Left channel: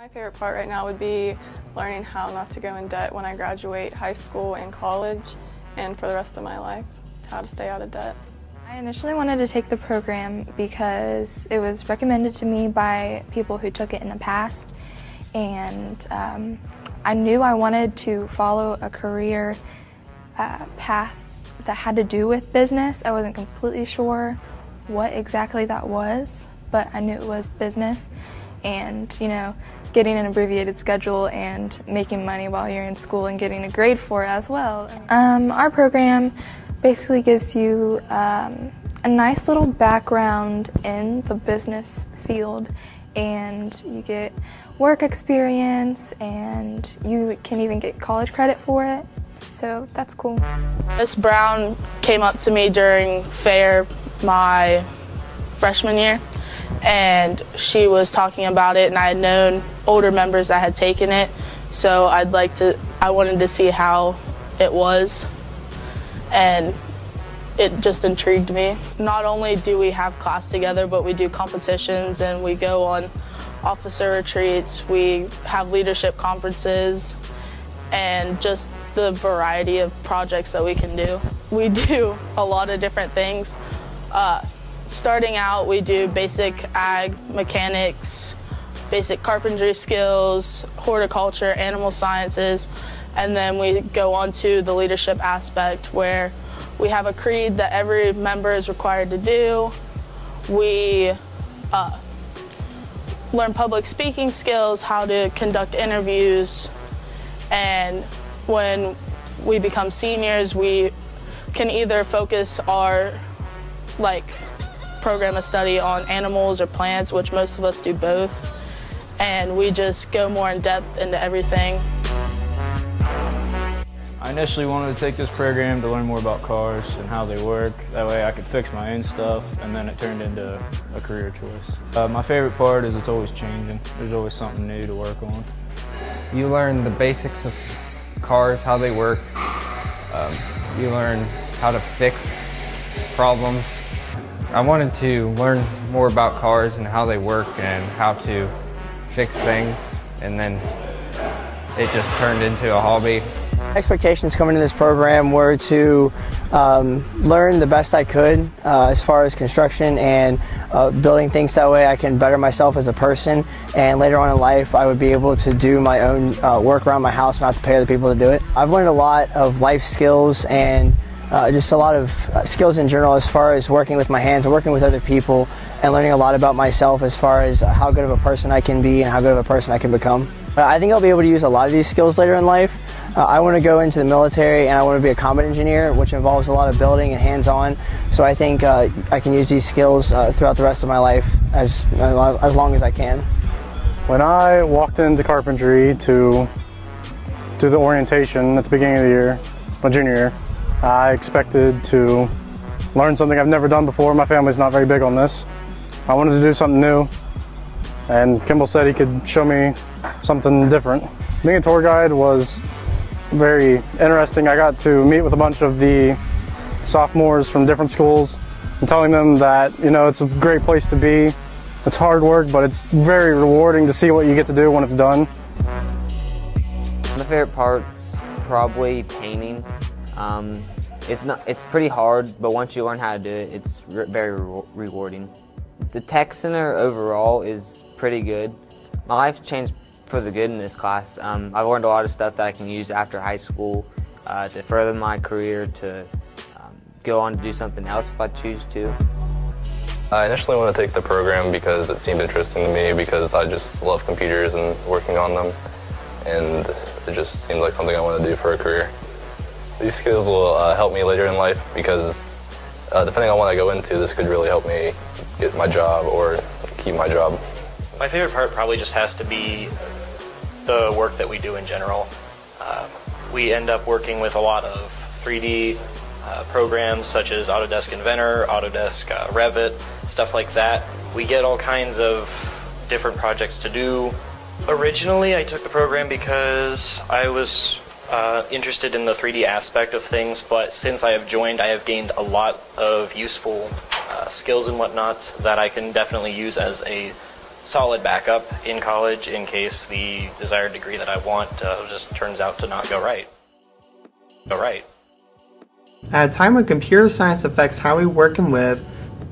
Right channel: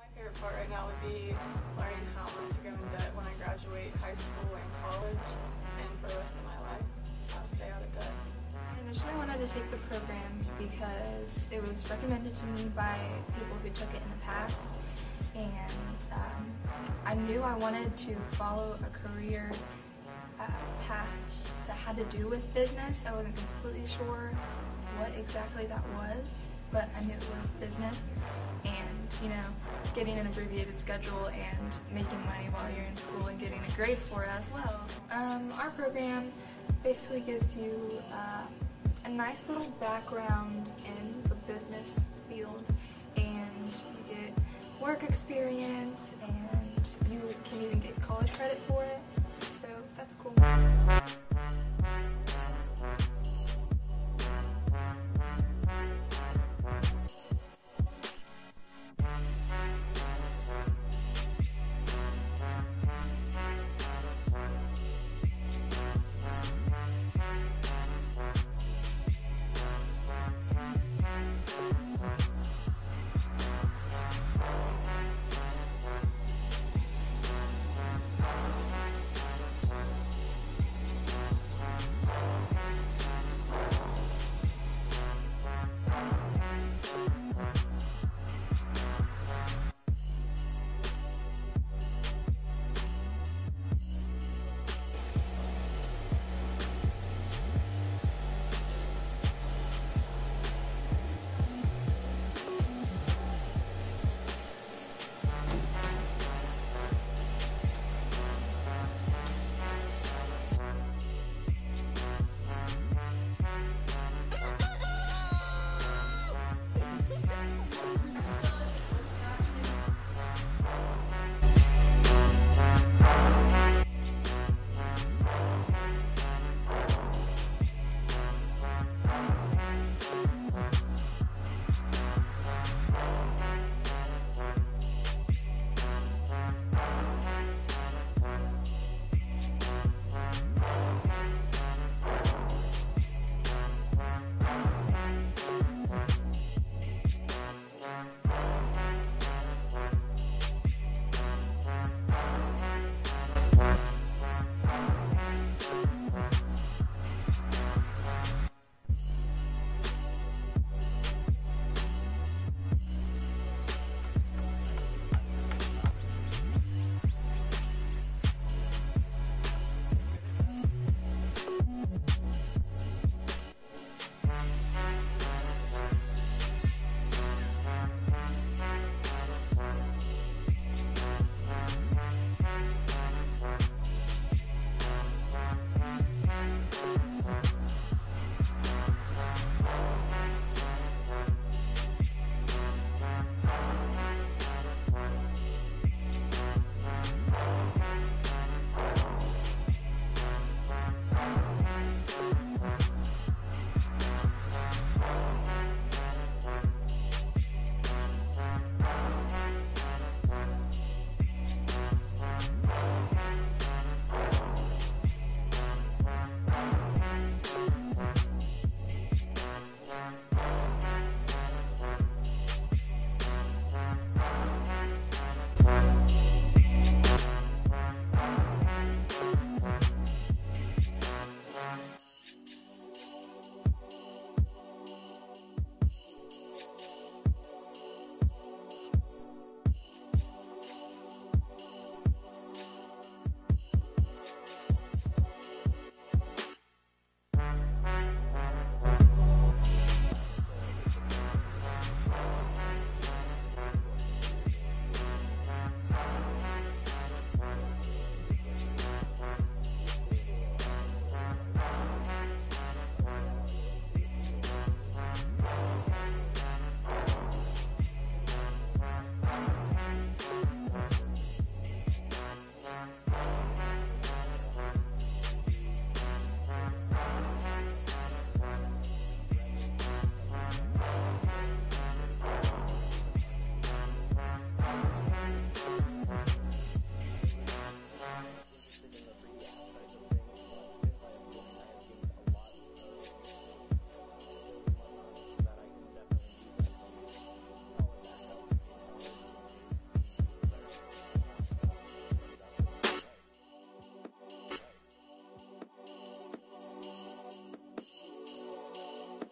My favorite part right now would be learning how not to go in debt when I graduate high school and college, and for the rest of my life, how to stay out of debt. I initially wanted to take the program because it was recommended to me by people who took it in the past, and I knew I wanted to follow a career path that had to do with business. I wasn't completely sure what exactly that was, but I knew it was business. And, you know, getting an abbreviated schedule and making money while you're in school and getting a grade for it as well. Our program basically gives you a nice little background in the business field, and you get work experience, and you can even get college credit for it, so that's cool. Miss Brown came up to me during fair my freshman year, and she was talking about it, and I had known older members that had taken it, so I wanted to see how it was, and it just intrigued me. Not only do we have class together, but we do competitions and we go on officer retreats, we have leadership conferences, and just the variety of projects that we can do. We do a lot of different things. Starting out, we do basic ag, mechanics, basic carpentry skills, horticulture, animal sciences, and then we go on to the leadership aspect where we have a creed that every member is required to do. We learn public speaking skills, how to conduct interviews, and when we become seniors, we can either focus our program of study on animals or plants, which most of us do both, and we just go more in depth into everything. I initially wanted to take this program to learn more about cars and how they work. That way I could fix my own stuff, and then it turned into a career choice. My favorite part is it's always changing. There's always something new to work on. You learn the basics of cars, how they work. You learn how to fix problems. I wanted to learn more about cars and how they work and how to fix things, and then it just turned into a hobby. Expectations coming into this program were to learn the best I could as far as construction and building things, that way I can better myself as a person, and later on in life I would be able to do my own work around my house and not to pay other people to do it. I've learned a lot of life skills and just a lot of skills in general as far as working with my hands and working with other people, and learning a lot about myself as far as how good of a person I can be and how good of a person I can become. I think I'll be able to use a lot of these skills later in life. I want to go into the military, and I want to be a combat engineer, which involves a lot of building and hands-on. So I think I can use these skills throughout the rest of my life as long as I can. When I walked into carpentry to do the orientation at the beginning of the year, my junior year, I expected to learn something I've never done before. My family's not very big on this. I wanted to do something new, and Kimball said he could show me something different. Being a tour guide was very interesting. I got to meet with a bunch of the sophomores from different schools and telling them that, you know, it's a great place to be. It's hard work, but it's very rewarding to see what you get to do when it's done. My favorite part's probably painting. It's pretty hard, but once you learn how to do it, it's very rewarding. The tech center overall is pretty good. My life's changed for the good in this class. I've learned a lot of stuff that I can use after high school to further my career, to go on to do something else if I choose to. I initially wanted to take the program because it seemed interesting to me, because I just love computers and working on them, and it just seemed like something I want to do for a career. These skills will help me later in life, because depending on what I go into, this could really help me get my job or keep my job. My favorite part probably just has to be the work that we do in general. We end up working with a lot of 3D programs such as Autodesk Inventor, Autodesk Revit, stuff like that. We get all kinds of different projects to do. Originally, I took the program because I was interested in the 3D aspect of things, but since I have joined, I have gained a lot of useful skills and whatnot that I can definitely use as a solid backup in college in case the desired degree that I want just turns out to not go right. At a time when computer science affects how we work and live,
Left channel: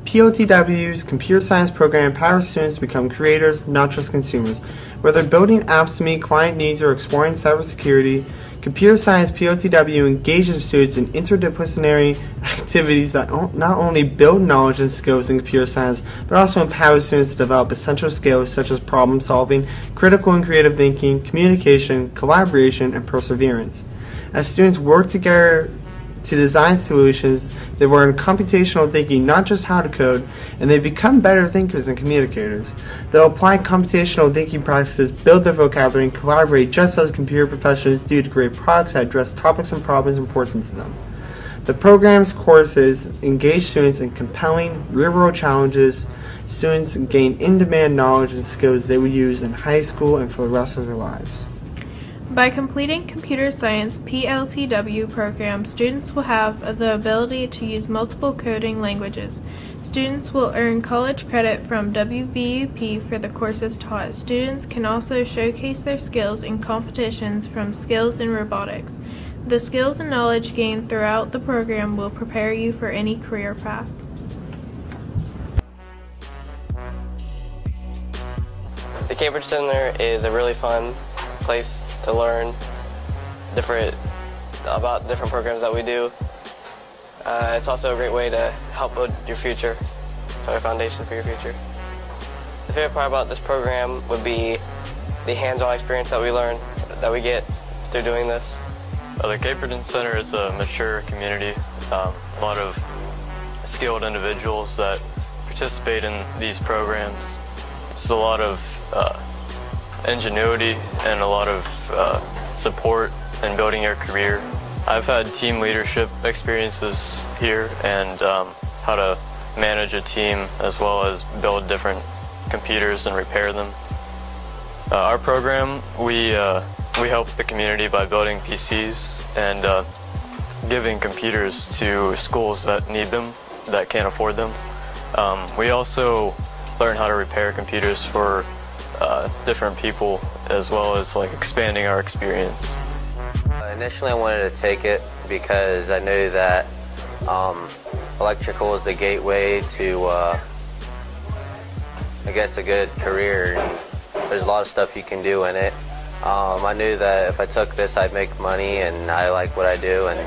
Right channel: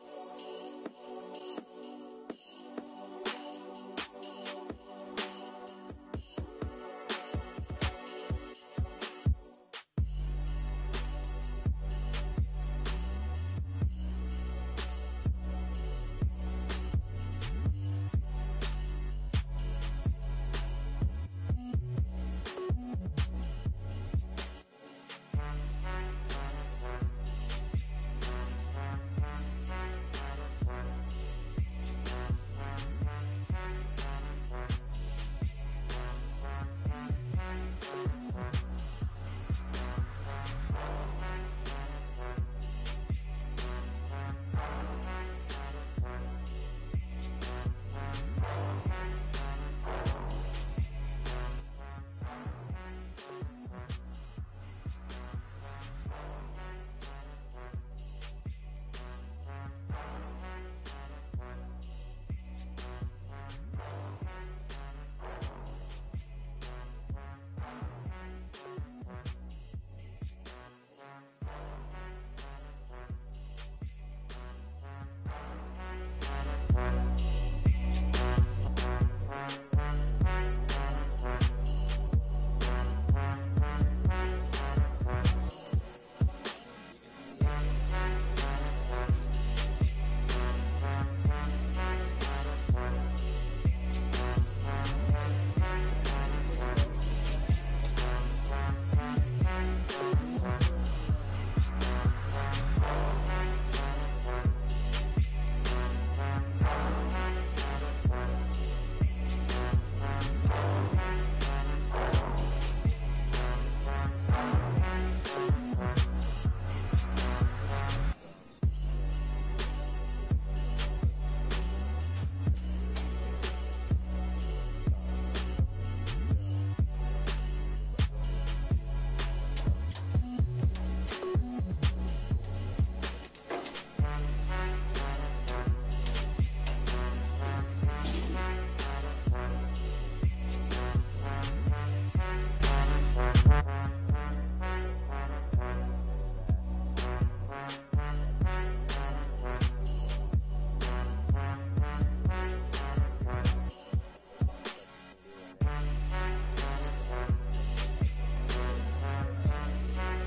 PLTW's computer science program empowers students to become creators, not just consumers. Whether building apps to meet client needs or exploring cybersecurity, computer science PLTW engages students in interdisciplinary activities that not only build knowledge and skills in computer science, but also empower students to develop essential skills such as problem solving, critical and creative thinking, communication, collaboration, and perseverance. As students work together to design solutions, they learn computational thinking, not just how to code, and they become better thinkers and communicators. They'll apply computational thinking practices, build their vocabulary, and collaborate just as computer professionals do to create products that address topics and problems important to them. The program's courses engage students in compelling, real-world challenges. Students gain in-demand knowledge and skills they will use in high school and for the rest of their lives. By completing computer science PLTW program, students will have the ability to use multiple coding languages. Students will earn college credit from WVUP for the courses taught. Students can also showcase their skills in competitions from Skills in Robotics. The skills and knowledge gained throughout the program will prepare you for any career path. The Cambridge Center is a really fun place to learn about different programs that we do. It's also a great way to help build your future, a foundation for your future. The favorite part about this program would be the hands-on experience that we get through doing this. The Cambridge Center is a mature community, a lot of skilled individuals that participate in these programs. There's a lot of ingenuity and a lot of support in building your career. I've had team leadership experiences here and how to manage a team as well as build different computers and repair them. Our program, we help the community by building PCs and giving computers to schools that need them, that can't afford them. We also learn how to repair computers for different people, as well as expanding our experience. Initially I wanted to take it because I knew that electrical is the gateway to I guess a good career. There's a lot of stuff you can do in it. I knew that if I took this I'd make money, and I like what I do, and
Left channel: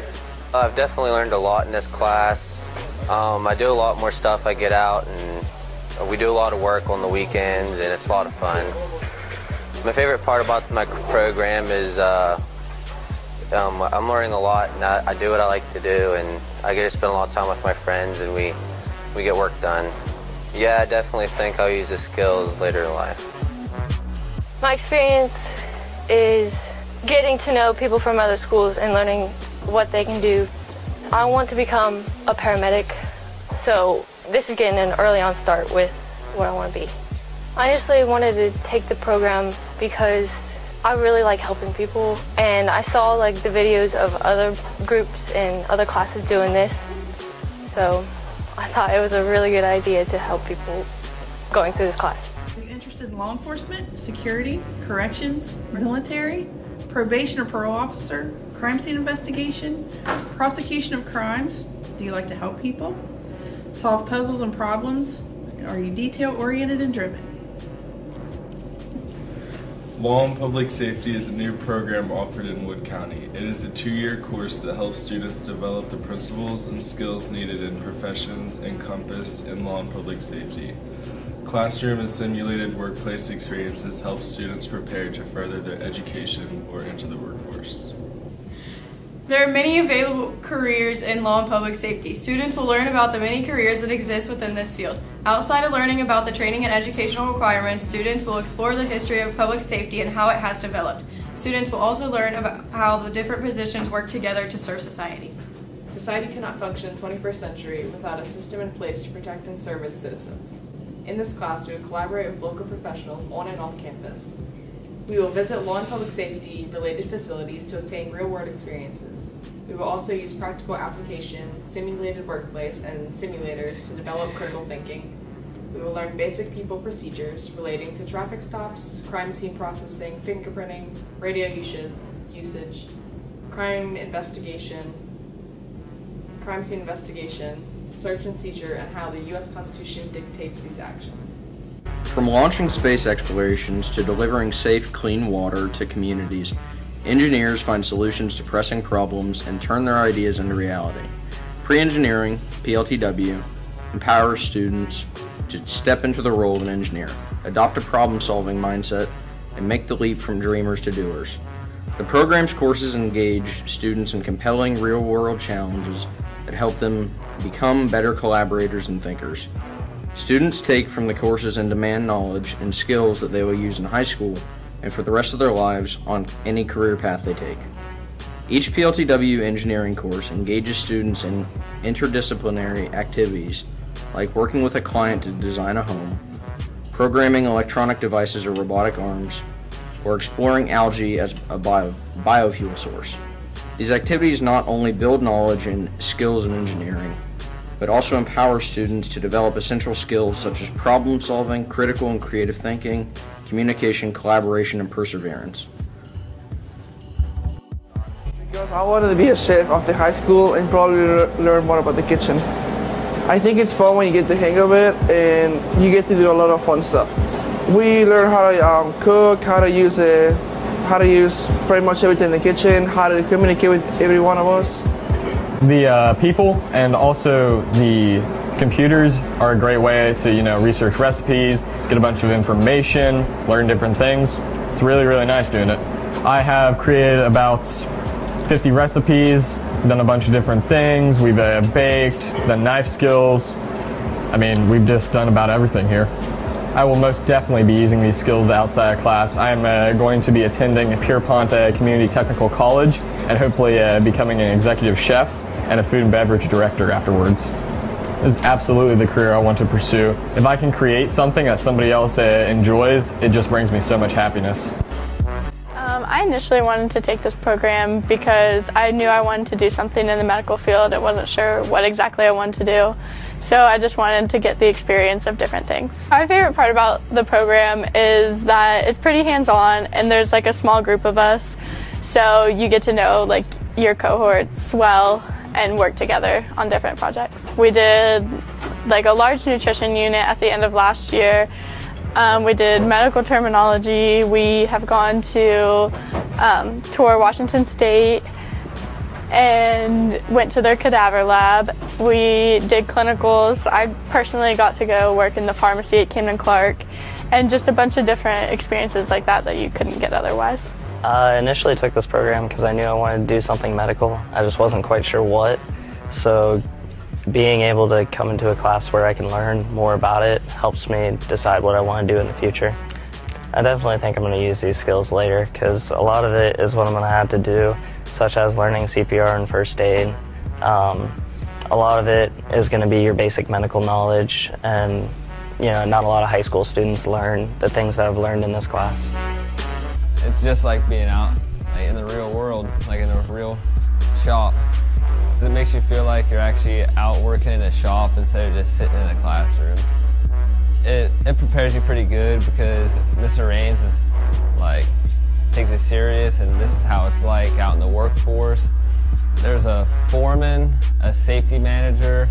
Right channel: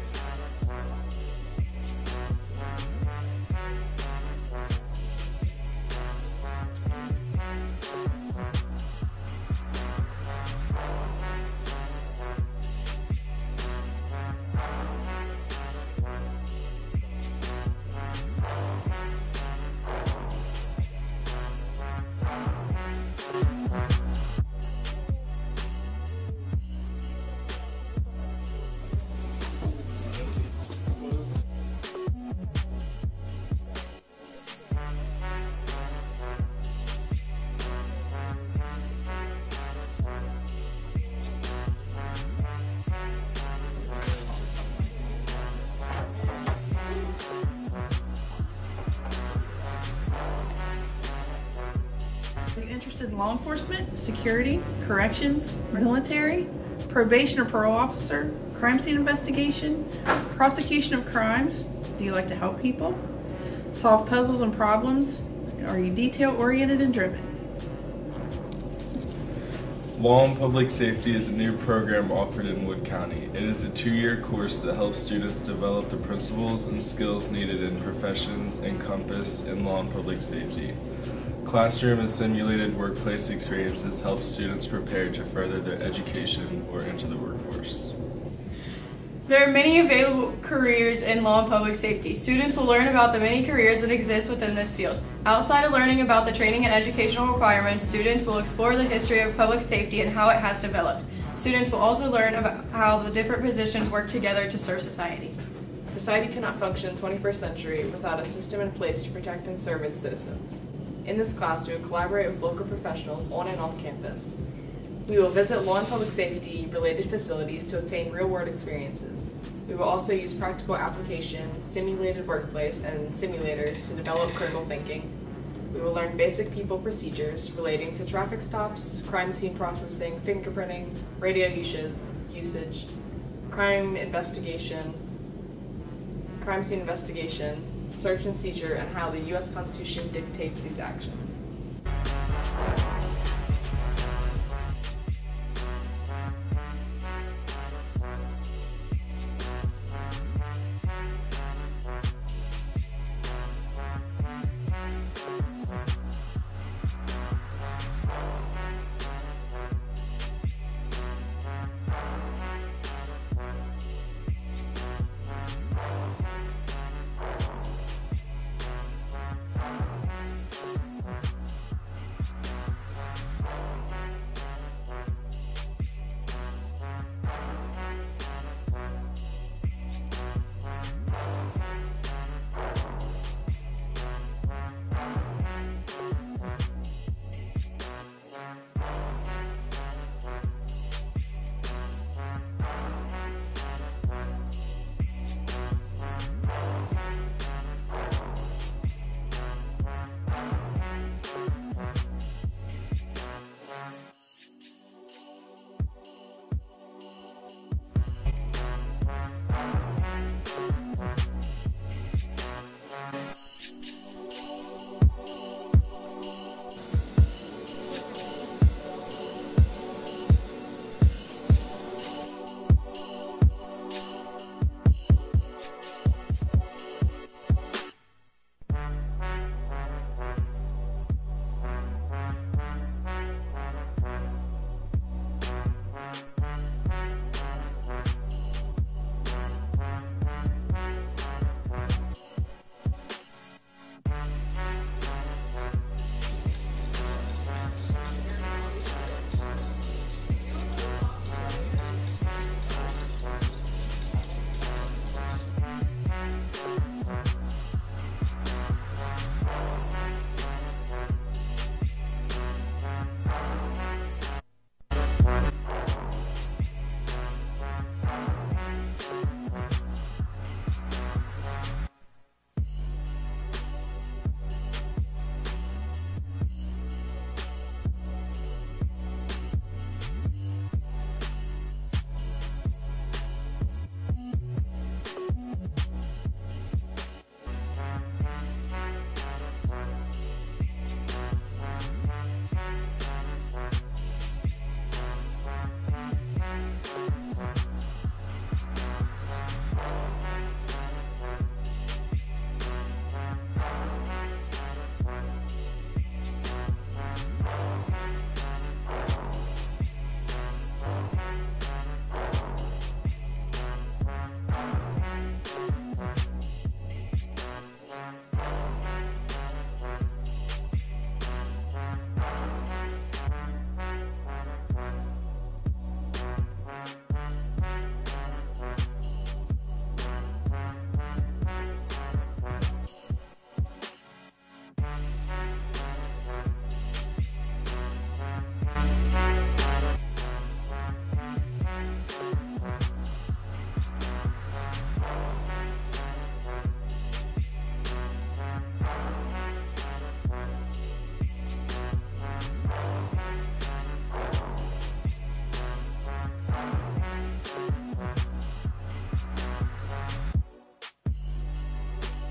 I've definitely learned a lot in this class. I do a lot more stuff. I get out and we do a lot of work on the weekends, and it's a lot of fun. My favorite part about my program is I'm learning a lot, and I do what I like to do, and I get to spend a lot of time with my friends, and we get work done. Yeah, I definitely think I'll use the skills later in life. My experience is getting to know people from other schools and learning what they can do. I want to become a paramedic, so this is getting an early on start with what I want to be. I initially wanted to take the program because I really like helping people, and I saw the videos of other groups and other classes doing this, so I thought it was a really good idea to help people going through this class. Are you interested in law enforcement, security, corrections, military, probation or parole officer, crime scene investigation, prosecution of crimes? Do you like to help people? Solve puzzles and problems? Are you detail-oriented and driven? Law and Public Safety is a new program offered in Wood County. It is a 2-year course that helps students develop the principles and skills needed in professions encompassed in law and public safety. Classroom and simulated workplace experiences help students prepare to further their education or enter the workforce. There are many available careers in law and public safety. Students will learn about the many careers that exist within this field. Outside of learning about the training and educational requirements, students will explore the history of public safety and how it has developed. Students will also learn about how the different positions work together to serve society. Society cannot function in the 21st century without a system in place to protect and serve its citizens. In this class, we will collaborate with local professionals on and off campus. We will visit law and public safety related facilities to obtain real-world experiences. We will also use practical application, simulated workplace, and simulators to develop critical thinking. We will learn basic people procedures relating to traffic stops, crime scene processing, fingerprinting, radio usage, crime scene investigation, search and seizure, and how the U.S. Constitution dictates these actions. From launching space explorations to delivering safe, clean water to communities, engineers find solutions to pressing problems and turn their ideas into reality. Pre-engineering, PLTW, empowers students to step into the role of an engineer, adopt a problem-solving mindset, and make the leap from dreamers to doers. The program's courses engage students in compelling real-world challenges that help them become better collaborators and thinkers. Students take from the courses and demand knowledge and skills that they will use in high school and for the rest of their lives on any career path they take. Each PLTW engineering course engages students in interdisciplinary activities like working with a client to design a home, programming electronic devices or robotic arms, or exploring algae as a biofuel source. These activities not only build knowledge and skills in engineering, but also empower students to develop essential skills such as problem solving, critical and creative thinking, communication, collaboration, and perseverance. I wanted to be a chef after high school and probably learn more about the kitchen. I think it's fun when you get the hang of it and you get to do a lot of fun stuff. We learn how to cook, how to use pretty much everything in the kitchen, how to communicate with every one of us. The people and also the computers are a great way to research recipes, get a bunch of information, learn different things. It's really, really nice doing it. I have created about 50 recipes, done a bunch of different things. We've baked, done knife skills. I mean, we've just done about everything here. I will most definitely be using these skills outside of class. I'm going to be attending Pierpont Community Technical College and hopefully becoming an executive chef and a food and beverage director afterwards. This is absolutely the career I want to pursue. If I can create something that somebody else enjoys, it just brings me so much happiness. I initially wanted to take this program because I knew I wanted to do something in the medical field. I wasn't sure what exactly I wanted to do. So I just wanted to get the experience of different things. My favorite part about the program is that it's pretty hands-on and there's like a small group of us. So you get to know like your cohorts well and work together on different projects. We did like a large nutrition unit at the end of last year. We did medical terminology. We have gone to tour Washington State and went to their cadaver lab. We did clinicals. I personally got to go work in the pharmacy at Camden-Clark and just a bunch of different experiences like that that you couldn't get otherwise. I initially took this program because I knew I wanted to do something medical. I just wasn't quite sure what. So being able to come into a class where I can learn more about it helps me decide what I want to do in the future. I definitely think I'm going to use these skills later because a lot of it is what I'm going to have to do, such as learning CPR and first aid. A lot of it is going to be your basic medical knowledge, and not a lot of high school students learn the things that I've learned in this class. It's just like being out in the real world, like in a real shop. It makes you feel like you're actually out working in a shop instead of just sitting in a classroom. It prepares you pretty good because Mr. Raines takes it serious, and this is how it's like out in the workforce. There's a foreman, a safety manager,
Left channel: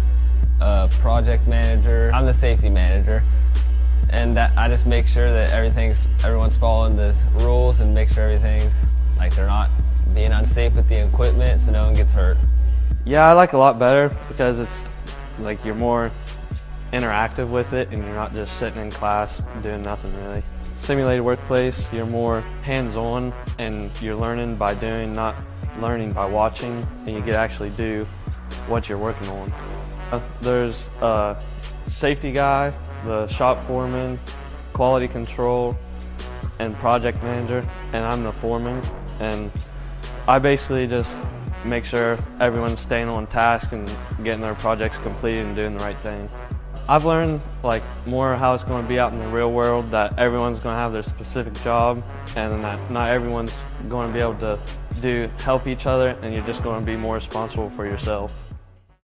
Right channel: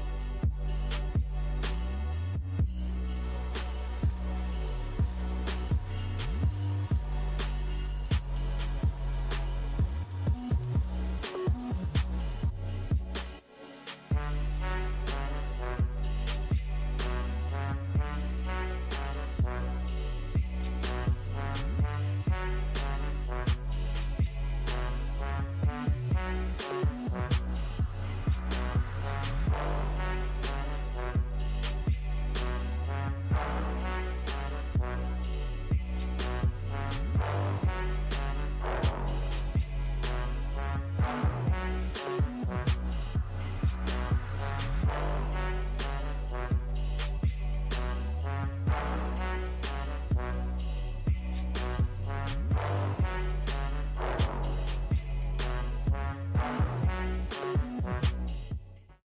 a project manager. I'm the safety manager, and I just make sure that everyone's following the rules and make sure everything's they're not being unsafe with the equipment so no one gets hurt. Yeah, I like it a lot better because it's you're more interactive with it and you're not just sitting in class doing nothing really. Simulated workplace, you're more hands-on and you're learning by doing, not learning by watching, and you can actually do what you're working on. There's a safety guy, the shop foreman, quality control, and project manager, and I'm the foreman, and I basically just make sure everyone's staying on task and getting their projects completed and doing the right thing. I've learned more how it's going to be out in the real world, that everyone's going to have their specific job and that not everyone's going to be able to help each other, and you're just going to be more responsible for yourself.